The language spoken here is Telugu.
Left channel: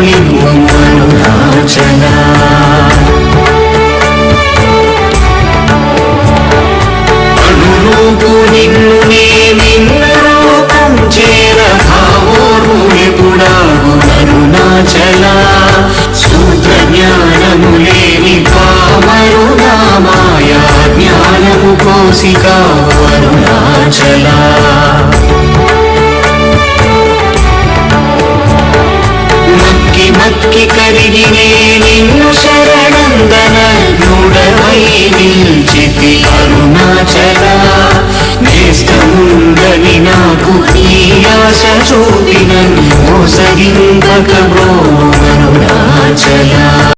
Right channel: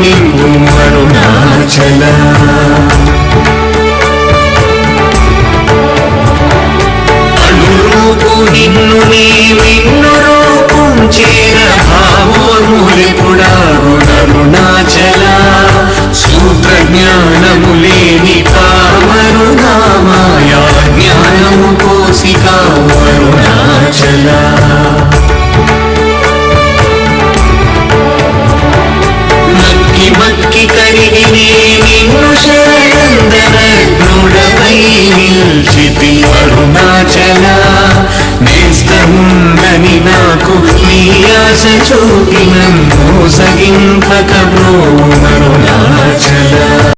नीवं करुणाचला శక్తి కరిగి నేను శరణందన దృఢమై నిల్చితి అరుణాచల. నేస్తముందని నాకు ఈ ఆశ చూపిన